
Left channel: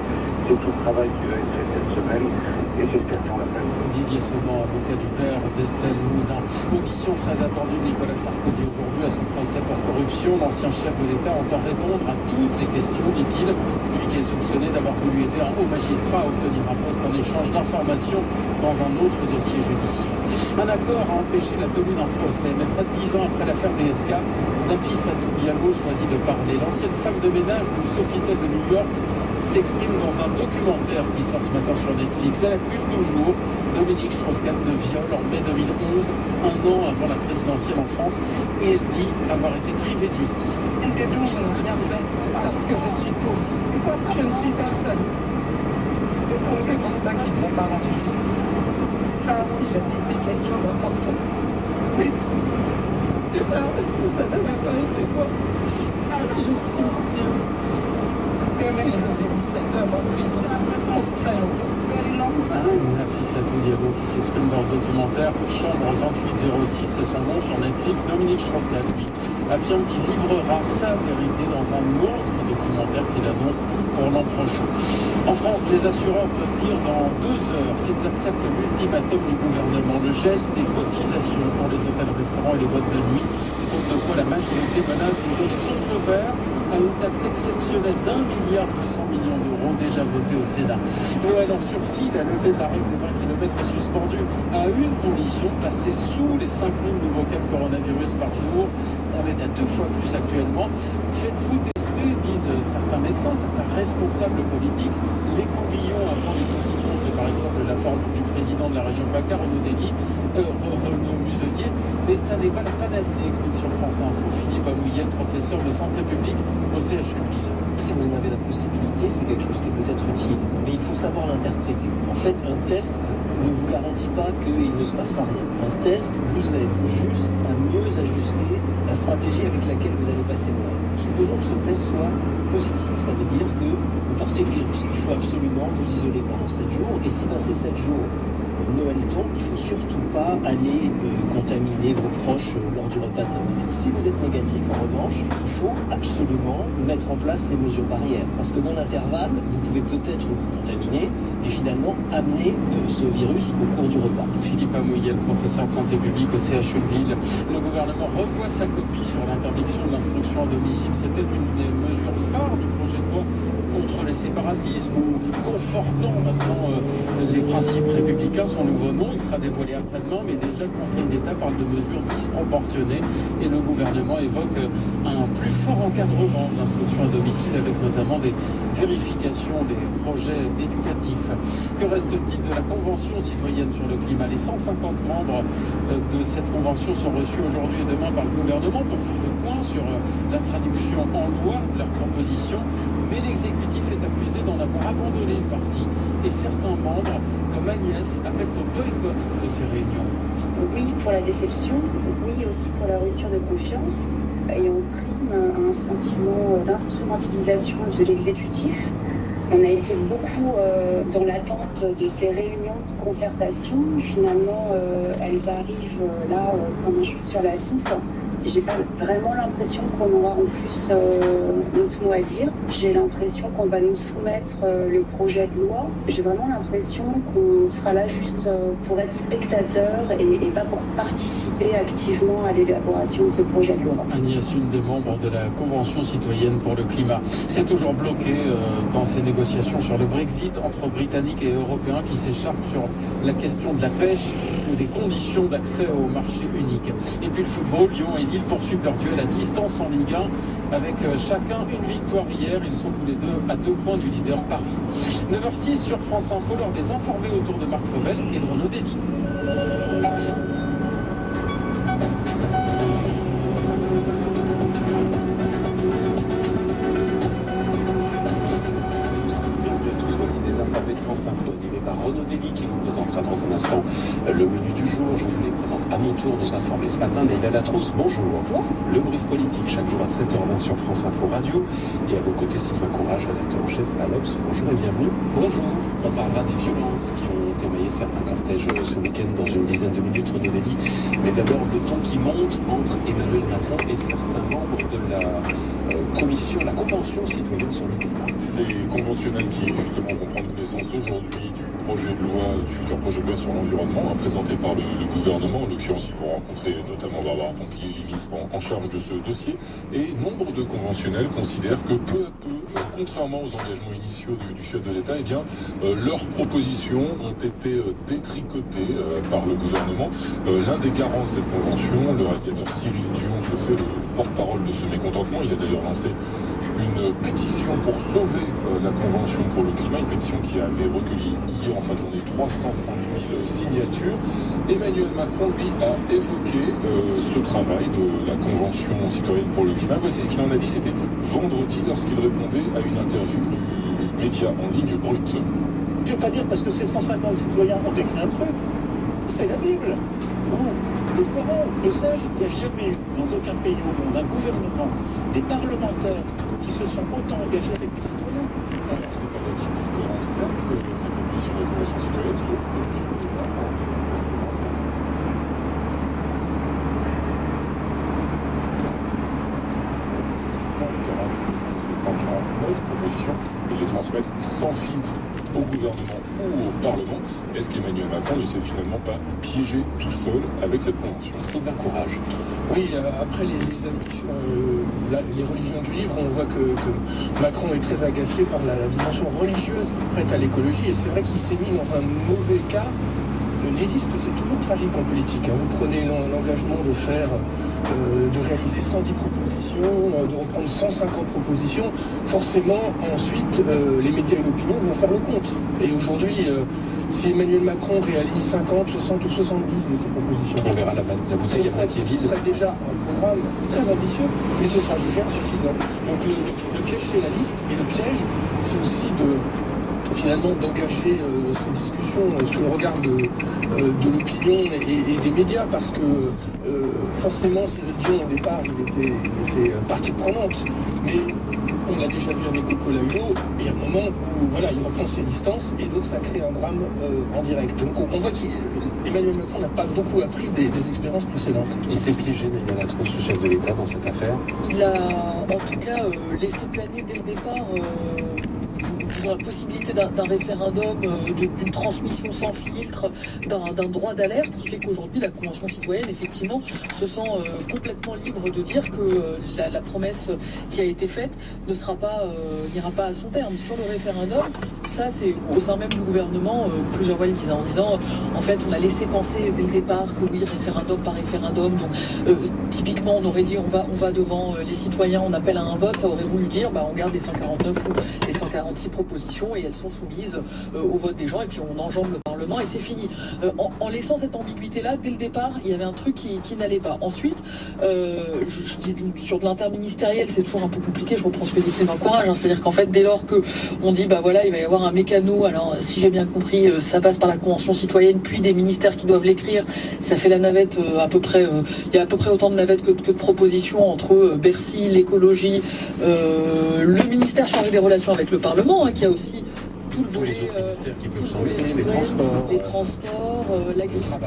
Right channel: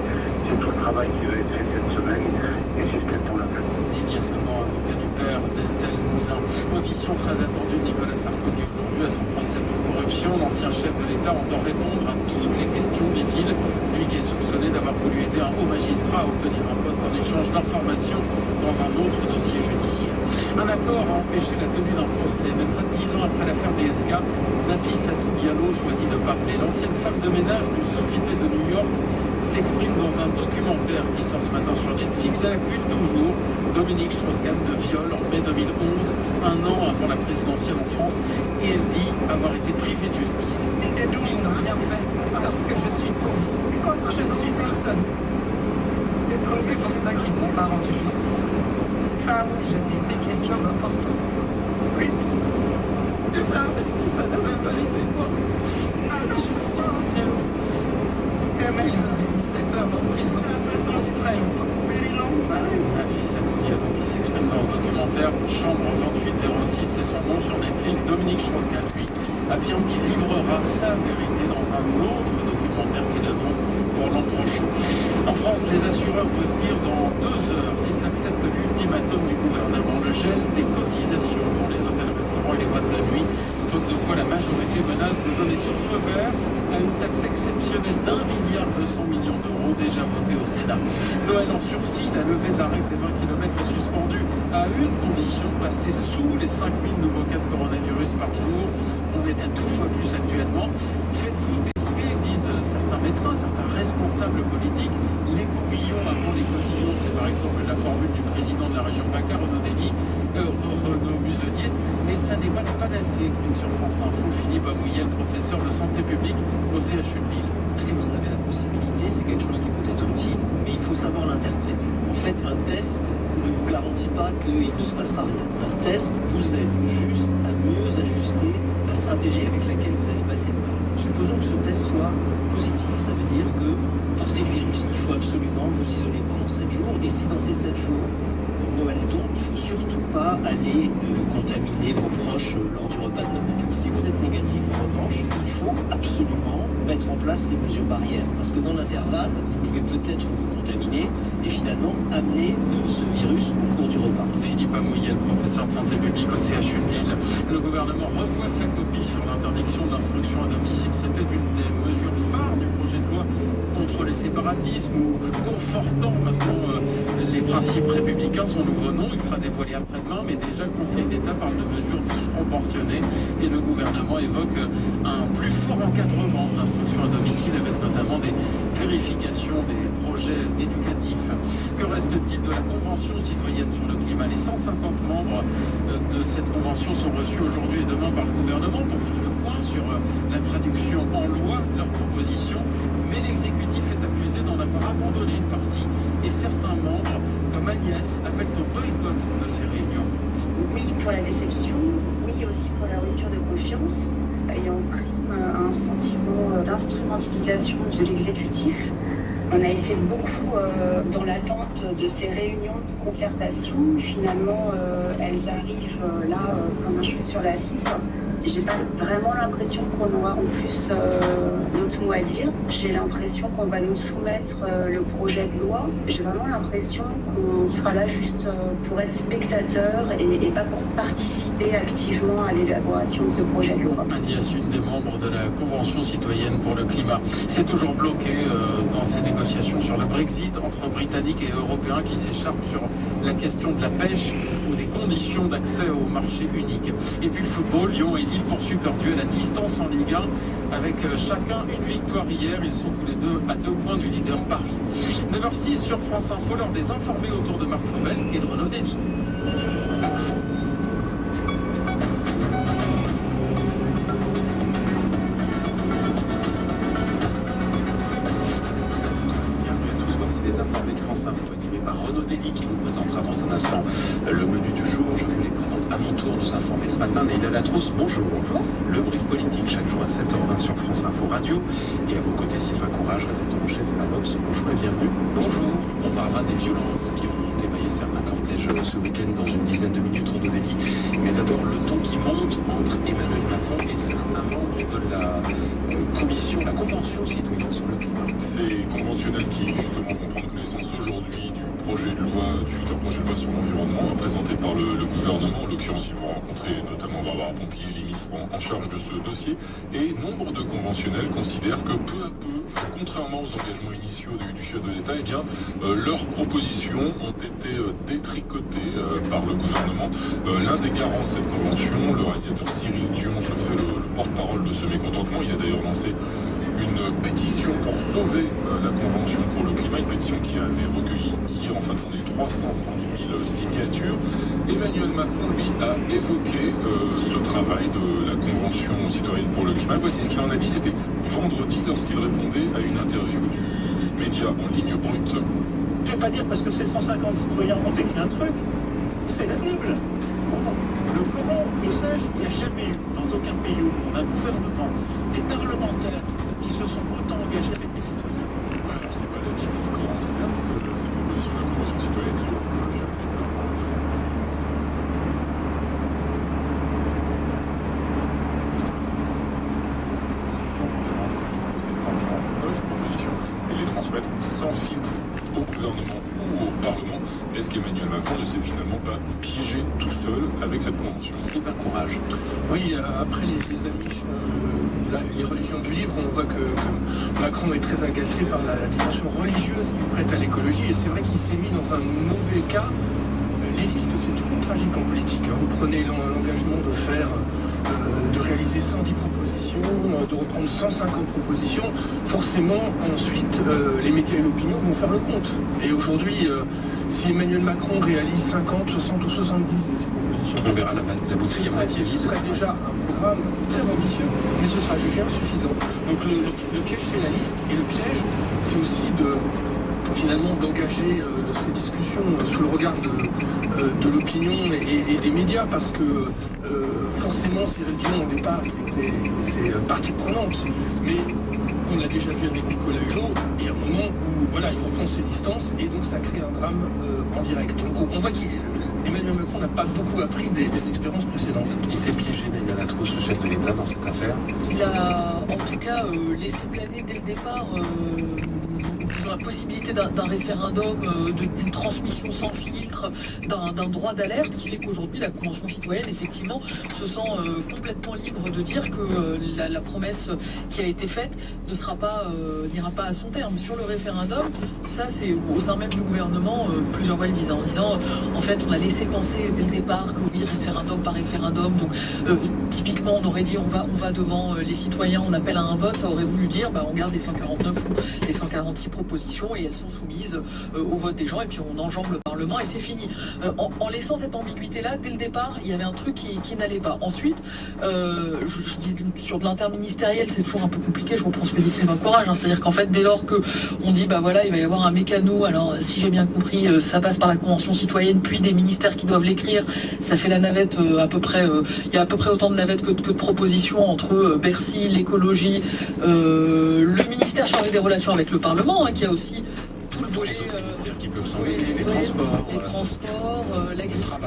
c'est tout le travail qui va être fait cette semaine, et c'est ce qu'attend la famille. Didier Saubon, avocat du père d'Estelle Mouzin. Audition très attendue de Nicolas Sarkozy aujourd'hui à son procès pour corruption. L'ancien chef de l'État entend répondre à toutes les questions, dit-il. Lui qui est soupçonné d'avoir voulu aider un haut magistrat à obtenir un poste en échange d'informations dans un autre dossier judiciaire. Un accord a empêché la tenue d'un procès, mais près de 10 ans après l'affaire DSK, Nafissa Diallo choisit de parler. L'ancienne femme de ménage du Sofitel de New York s'exprime dans un documentaire qui sort ce matin sur Netflix. Elle accuse toujours Dominique Strauss-Kahn de viol en mai 2011, un an avant la présidentielle en France, et elle dit avoir été privée de justice. Ils n'ont rien fait parce que je suis pauvre. Je ne suis personne. C'est pour ça qu'ils ne m'ont pas rendu justice. Si j'avais été quelqu'un d'important. Oui. Ça n'avait pas été moi. Je suis sûre. Mais ils auraient mis cet homme en prison pour très longtemps. Nafissa Diallo qui s'exprime dans ce documentaire. Chambre 2806, c'est son nom sur Netflix. Dominique Strauss-Kahn, lui, affirme qu'il livrera sa vérité dans un autre documentaire qu'il annonce pour l'an prochain. En France, les assureurs peuvent dire dans 2 heures s'ils acceptent l'ultimatum du gouvernement, le gel des cotisations pour les hôtels, restaurants et les boîtes de nuit. Faute de quoi la majorité menace de donner son feu vert à une taxe exceptionnelle d'1,2 milliard d'euros déjà votée au Sénat. Noël en sursis, la levée de la règle des 20 km est suspendue à une condition, passer sous les 5000 nouveaux cas de coronavirus par jour. On est à 2 fois plus actuellement. Faites-vous tester, disent certains médecins, certains responsables politiques. L'écouvillon avant les cotillons, c'est par exemple la formule du président de la région PACA, Renaud Muselier, mais ça n'est pas la panacée, explique sur France Info Philippe Amouyel, professeur de santé publique au CHU de Lille. Si vous en avez la possibilité, c'est quelque chose qui peut être utile, mais il faut savoir l'interpréter. En fait, un test ne vous garantit pas qu'il ne se passera rien. Un test vous aide juste à mieux ajuster la stratégie avec laquelle vous allez passer le mal. Supposons que ce test soit positif, ça veut dire que vous portez le virus. Il faut absolument vous isoler pendant 7 jours, et si dans ces 7 jours, Noël tombe, il ne faut surtout pas aller contaminer vos proches lors du repas de Noël. Si vous êtes négatif, en revanche, il faut absolument mettre en place les mesures barrières. Parce que dans l'intervalle, vous pouvez peut-être vous contaminer et finalement amener ce virus au cours du repas. Philippe Amouyel, professeur de santé publique au CHU de Lille. Le gouvernement revoit sa copie sur l'interdiction de l'instruction à domicile. C'était une des mesures phares du projet de loi contre les séparatismes ou confortant maintenant les principes républicains. Son nouveau nom, il sera dévoilé après-demain, mais déjà le Conseil d'État parle de mesures disproportionnées et le gouvernement évoque un plus fort encadrement de l'instruction à domicile avec notamment des vérifications des projets éducatifs. Que reste-t-il de la Convention citoyenne sur le climat? Les 150 membres de cette convention sont reçus aujourd'hui et demain par le gouvernement pour faire le point sur la traduction en loi de leurs propositions. Mais l'exécutif est accusé d'en avoir abandonné une partie et certains membres, comme Agnès, appellent au boycott de ces réunions. Oui, pour la déception, oui aussi pour la rupture de confiance et en prime un sentiment d'instrumentalisation de l'exécutif. On a été beaucoup dans l'attente de ces réunions de concertation. Finalement, elles arrivent là comme un cheveu sur la soupe. J'ai pas vraiment l'impression qu'on aura en plus notre mot à dire. J'ai l'impression qu'on va nous soumettre le projet de loi. J'ai vraiment l'impression qu'on sera là juste pour être spectateur et pas pour participer activement à l'élaboration de ce projet de loi. Agnès, une des membres de la Convention citoyenne pour le climat, c'est toujours bloqué dans ces négociations sur le Brexit entre Britanniques et Européens qui s'écharpent sur la question de la pêche ou des conditions d'accès au marché unique. Et puis le football, Lyon et Lille poursuivent leur duel à distance en Ligue 1 avec chacun une victoire hier. Ils sont tous les deux à 2 points du leader Paris. 9h06 sur France Info, l'heure des informés autour de Marc Fauvel et de Renaud Dédy. Renaud Dédy qui vous présentera dans un instant le menu du jour. Je vous les présente à mon tour, nous informer ce matin. Leïla Latrousse, bonjour. Bonjour. Le brief politique chaque jour à 7h20 sur France Info Radio. Et à vos côtés, Sylvain Courage, rédacteur en chef à l'Obs. Bonjour et bienvenue. Bonjour. On parlera des violences qui ont émaillé certains cortèges ce week-end dans une dizaine de minutes, Renaud Dédy. Mais d'abord, le ton qui monte entre Emmanuel Macron et certains membres de la la Convention citoyenne sur le climat. Ces conventionnels qui justement vont prendre connaissance aujourd'hui du projet de loi, du futur projet de loi sur l'environnement, présenté par le gouvernement. En l'occurrence, ils vont rencontrer notamment Barbara Pompili, les ministres en charge de ce dossier. Et nombre de conventionnels considèrent que peu à peu, contrairement aux engagements initiaux du chef de l'État, eh bien, leurs propositions ont été détricotées par le gouvernement. L'un des garants de cette convention, le réalisateur Cyril Dion, se fait le porte-parole de ce mécontentement. Il a d'ailleurs lancé une pétition pour sauver la Convention pour le climat, une pétition qui avait recueilli hier en fin de journée 330 000 signatures. Emmanuel Macron, lui, a évoqué ce travail de la Convention citoyenne pour le climat. Voici ce qu'il en a dit, c'était vendredi lorsqu'il répondait à une interview du média en ligne Brut. Je ne vais pas dire parce que ces 150 citoyens ont écrit un truc, c'est la Bible. Ou le Coran, que sais-je, il n'y a jamais eu dans aucun pays au monde un gouvernement, des parlementaires qui se sont autant engagés avec des citoyens. Alors c'est pas la Bible du Coran, certes, c'est une proposition de la Convention citoyenne, sauf que le chef d'État propositions et les transmettre sans filtre au gouvernement ou au Parlement. Est-ce qu'Emmanuel Macron ne s'est finalement pas piégé tout seul avec cette convention? Sylvain Courage. Oui, après les ambitions, les religions du livre, on voit que Macron est très agacé par la dimension religieuse prête à l'écologie, et c'est vrai qu'il s'est mis dans un mauvais cas. Les listes, c'est toujours tragique en politique. Vous prenez l'engagement de réaliser 110 propositions, de reprendre 150 propositions. Forcément, ensuite, les médias et l'opinion vont faire le compte. Et aujourd'hui, si Emmanuel Macron réalise 50, 60 ou 70 de ces propositions, on verra la bouteille à moitié vide. Ce serait déjà un programme très ambitieux, mais ce sera jugé insuffisant. Donc le piège, c'est la liste. Et le piège, c'est aussi finalement d'engager ces discussions sous le regard de l'opinion et des médias, parce que forcément Cyril Dion au départ était partie prenante, mais on a l'a déjà vu avec Nicolas Hulot, il y a un moment où voilà, il reprend ses distances et donc ça crée un drame en direct. Donc on voit qu'Emmanuel Macron n'a pas beaucoup appris des expériences précédentes. Il s'est piégé, Nélia Latros, le chef de l'État, dans cette affaire. Il a en tout cas laissé planer dès le départ disons, la possibilité d'un référendum, d'une transmission sans filtre, d'un droit d'alerte qui fait qu'aujourd'hui la Convention citoyenne effectivement se sent complètement libre de dire que la promesse qui a été faite n'ira pas à son terme. Sur le référendum, ça c'est au sein même du gouvernement, plusieurs fois le disent en disant en fait on a laissé penser dès le départ que oui, référendum par référendum, donc typiquement on aurait dit on va devant les citoyens, on appelle à un vote, ça aurait voulu dire on garde les 149 ou les 146 propositions et elles sont soumises au vote des gens et puis on enjambe le Parlement et c'est fini. En laissant cette ambiguïté-là, dès le départ, il y avait un truc qui n'allait pas. Ensuite, je dis sur de l'interministériel, c'est toujours un peu compliqué, je reprends ce que dit Sylvain Courage, c'est-à-dire qu'en fait, dès lors qu'on dit, voilà, il va y avoir un mécano, alors si j'ai bien compris, ça passe par la Convention citoyenne, puis des ministères qui doivent l'écrire, ça fait la navette à peu près, il y a à peu près autant de navettes que de propositions entre Bercy, l'écologie, le ministère chargé des relations avec le Parlement, qui a aussi tout le volet, les autres ministères qui peuvent s'en mêler, les transports, l'agriculture,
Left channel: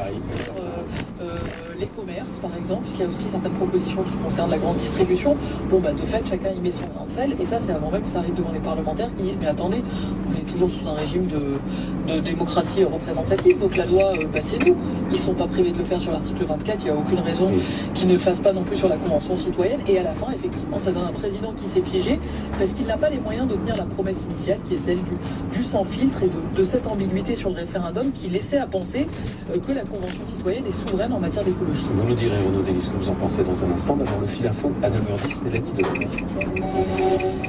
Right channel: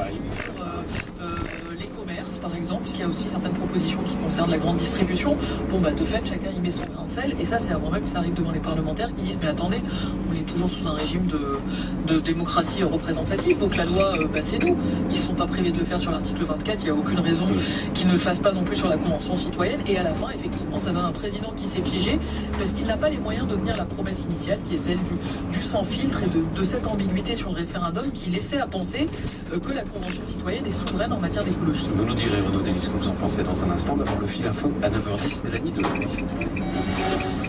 les commerces par exemple, puisqu'il y a aussi certaines propositions qui concernent la grande distribution. De fait, chacun y met son grain de sel, et ça c'est avant même que ça arrive devant les parlementaires qui disent mais attendez, on est toujours sous un régime de démocratie représentative, donc la loi c'est nous, ils sont pas privés de le faire sur l'article 24, il n'y a aucune raison qu'ils ne le fassent pas non plus sur la Convention citoyenne, et à la fin effectivement ça donne un président qui s'est piégé parce qu'il n'a pas les moyens de tenir la promesse initiale qui est celle du sans filtre et de cette ambiguïté sur le référendum qui laissait à penser que la Convention citoyenne est souveraine en matière d'écologie. Vous nous direz, Renaud Delis, ce que vous en pensez dans un instant. D'abord le fil info à 9h10, Mélanie Delory.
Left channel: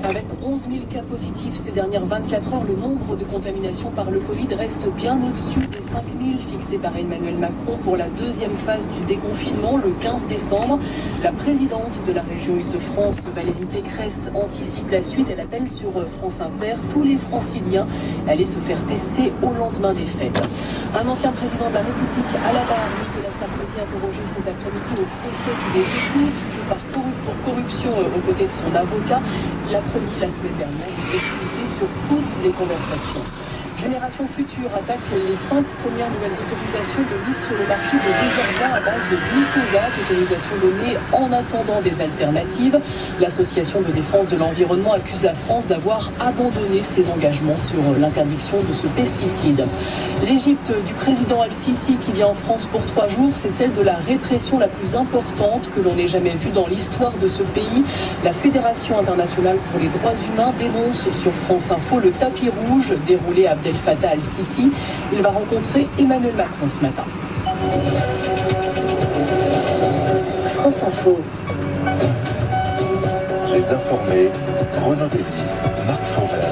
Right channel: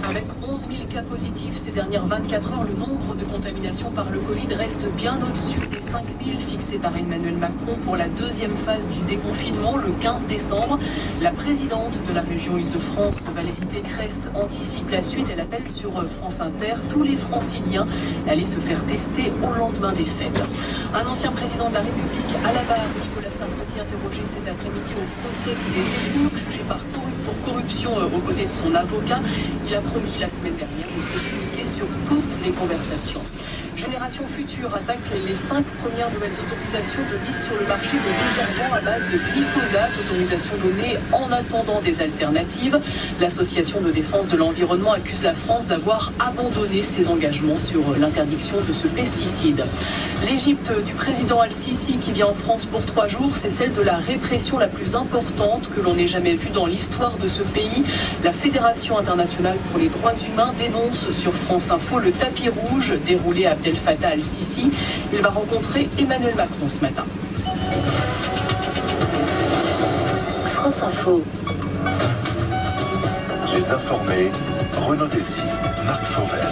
Avec 11 000 cas positifs ces dernières 24 heures, le nombre de contaminations par le Covid reste bien au-dessus des 5 000 fixés par Emmanuel Macron pour la deuxième phase du déconfinement le 15 décembre. La présidente de la région Île-de-France, Valérie Pécresse, anticipe la suite. Elle appelle sur France Inter tous les franciliens à aller se faire tester au lendemain des fêtes. Un ancien président de la République à la barre, Nicolas Sarkozy, interrogé cet après-midi au procès des écoutes, jugé pour corruption aux côtés de son avocat. Il a promis la semaine dernière de s'expliquer sur toutes les conversations. Génération Future attaque les 5 premières nouvelles autorisations de mise sur le marché des détergents à base de glyphosate, autorisation donnée en attendant des alternatives. L'association de défense de l'environnement accuse la France d'avoir abandonné ses engagements sur l'interdiction de ce pesticide. L'Égypte du président Al-Sisi qui vient en France pour 3 jours, c'est celle de la répression la plus importante que l'on ait jamais vue dans l'histoire de ce pays. La Fédération internationale pour les droits humains dénonce sur France Info le tapis rouge déroulé à Abdel Fattah Al-Sisi. Il va rencontrer Emmanuel Macron ce matin. France Info. Les informés, Renaud Delis, Marc Fauvel.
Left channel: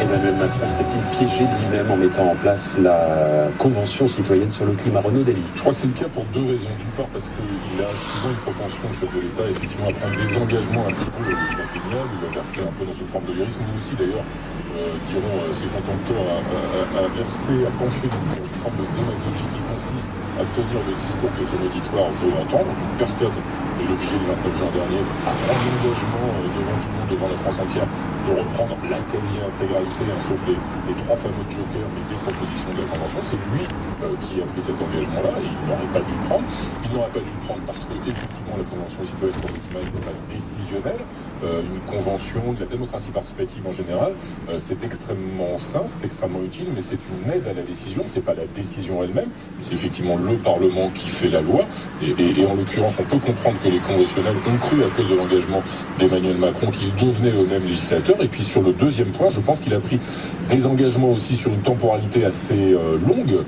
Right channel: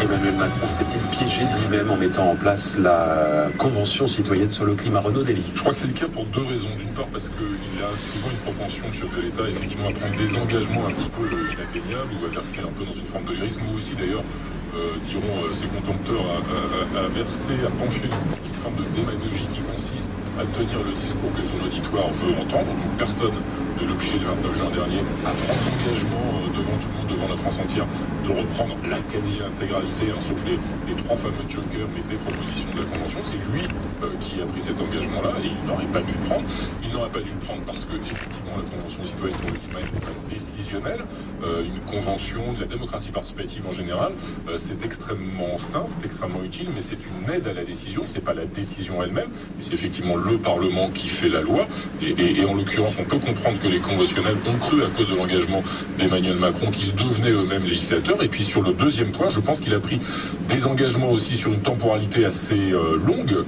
Emmanuel Macron s'est-il piégé lui-même en mettant en place la Convention citoyenne sur le climat? Renaud Delis. Je crois que c'est le cas pour 2 raisons. D'une part parce qu'il a souvent une propension, le chef de l'État, effectivement, à prendre des engagements un petit peu inatteignables, ou à verser un peu dans une forme de lyrisme, ou aussi d'ailleurs, diront ses contempteurs, à verser, à pencher dans une forme de démagogie qui consiste à tenir le discours que son auditoire veut entendre. Donc personne n'est obligé le 29 juin dernier à prendre l'engagement devant tout le monde, devant la France entière, de reprendre la quasi-intégralité, sauf les 3 fameux jokers, mais des propositions de la Convention. C'est lui qui a pris cet engagement-là et il n'aurait pas dû le prendre. Il n'aurait pas dû le prendre parce que, effectivement, la Convention citoyenne pour le climat n'est pas décisionnelle. Une convention, de la démocratie participative en général, c'est extrêmement sain, c'est extrêmement utile, mais c'est une aide à la décision, c'est pas la décision elle-même, c'est effectivement le Parlement qui fait la loi, et en l'occurrence, on peut comprendre que les conventionnels ont cru à cause de l'engagement d'Emmanuel Macron qu'ils devenaient eux-mêmes législateurs. Et puis sur le deuxième point, je pense qu'il a pris des engagements aussi sur une temporalité assez longue,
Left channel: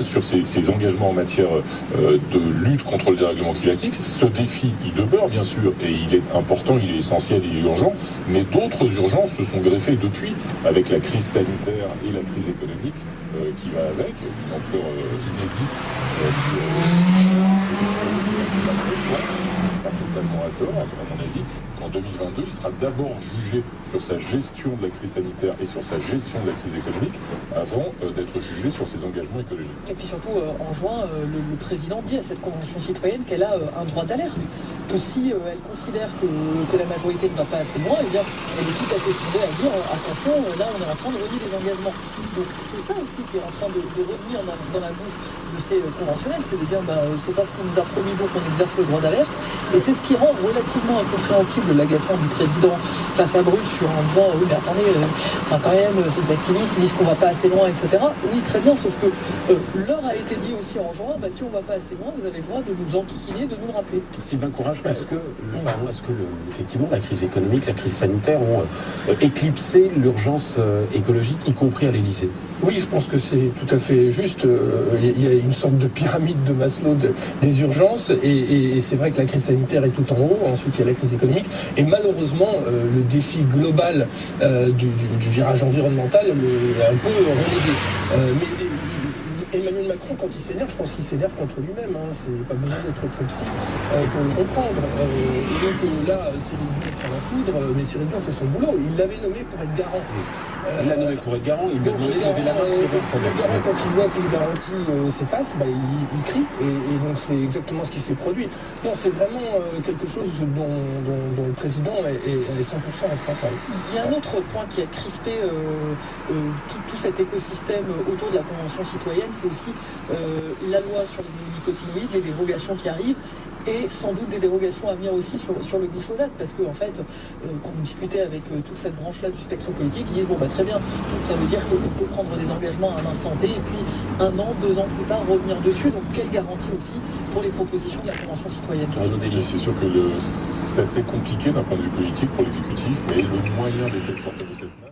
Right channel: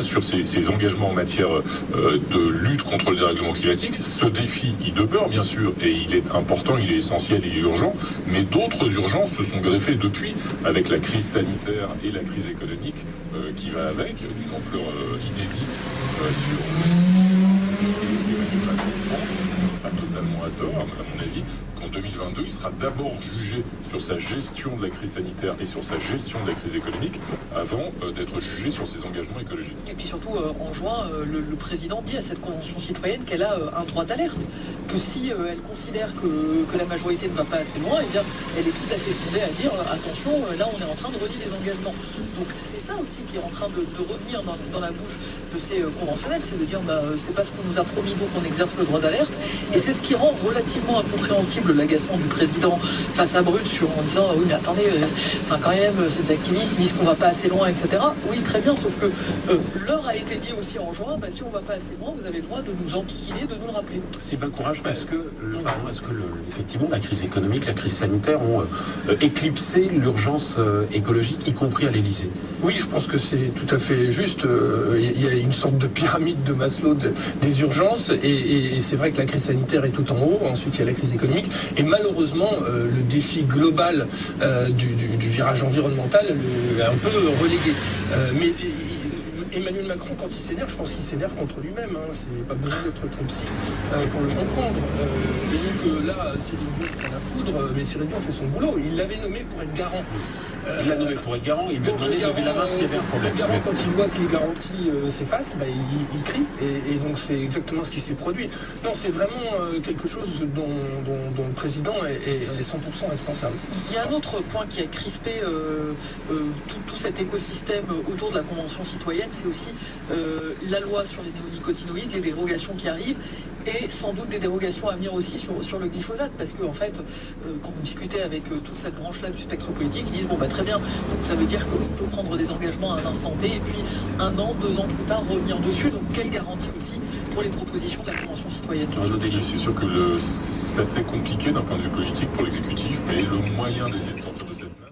sur ses engagements en matière de lutte contre le dérèglement climatique. Ce défi, il demeure bien sûr, et il est important, il est essentiel, il est urgent, mais d'autres urgences se sont greffées depuis, avec la crise sanitaire et la crise économique qui va avec, d'une ampleur inédite sur pas totalement à tort, à mon avis, qu'en 2022, il sera d'abord jugé sur sa gestion de la crise sanitaire et sur sa gestion de la crise économique, avant d'être jugé sur ses engagements écologiques. Et puis surtout, en juin, le président dit à cette convention citoyenne qu'elle a un droit d'alerte, que si elle considère que la majorité ne va pas assez loin, eh bien, elle est tout à fait fondée à dire attention, là on est en train de renier des engagements. Donc c'est ça aussi qui est en train de revenir dans la bouche de ces conventionnels, c'est de dire c'est pas ce qu'on nous a promis, donc on exerce le droit d'alerte. Et c'est ce qui rend relativement incompréhensible l'agacement du président face à Brut en disant oui mais attendez, quand même ces activistes ils disent qu'on va pas assez loin, etc. Oui très bien, sauf que l'heure a été dit aussi en juin, si on va pas assez loin, vous avez le droit de nous enquiquiner, de nous le rappeler. Sylvain Courage, est-ce que effectivement la crise économique, la crise sanitaire ont éclipsé l'urgence écologique, y compris à l'Élysée? Oui, je pense que c'est tout à fait juste. Il y a une sorte de pyramide de Maslow des urgences, et c'est vrai que la crise sanitaire est tout en haut. Ensuite, il y a la crise économique, et malheureusement, le défi global du virage environnemental est un peu relégué. Mais Emmanuel Macron, quand il s'énerve, je pense qu'il s'énerve contre lui-même. C'est pas besoin d'être trop psy pour le comprendre. Et donc là, Cyril Dion prend la foudre, mais Cyril Dion fait son boulot. Il l'avait nommé pour être garant. Il l'a nommé pour être garant, il lui a demandé de lever la main s'il y avait un problème. Le garant, quand il voit que les garanties s'effacent, il crie. Et donc c'est exactement ce qui s'est produit. Non, c'est vraiment quelque chose dont le président est 100% responsable. Il y a un autre point qui a crispé tout cet écosystème autour de la Convention citoyenne, c'est aussi la loi sur les néonicotinoïdes, les dérogations qui arrivent, et sans doute des dérogations à venir aussi sur le glyphosate, parce que en fait, quand on discutait avec toute cette branche-là du spectre politique, ils disent très bien, donc ça veut dire qu'on peut prendre des engagements à un instant T, et puis 1 an, 2 ans plus tard revenir dessus. Donc quelle garantie aussi pour les propositions de la Convention citoyenne? C'est sûr que c'est assez compliqué d'un point de vue politique pour l'exécutif, mais le moyen d'essayer de sortir de cette place.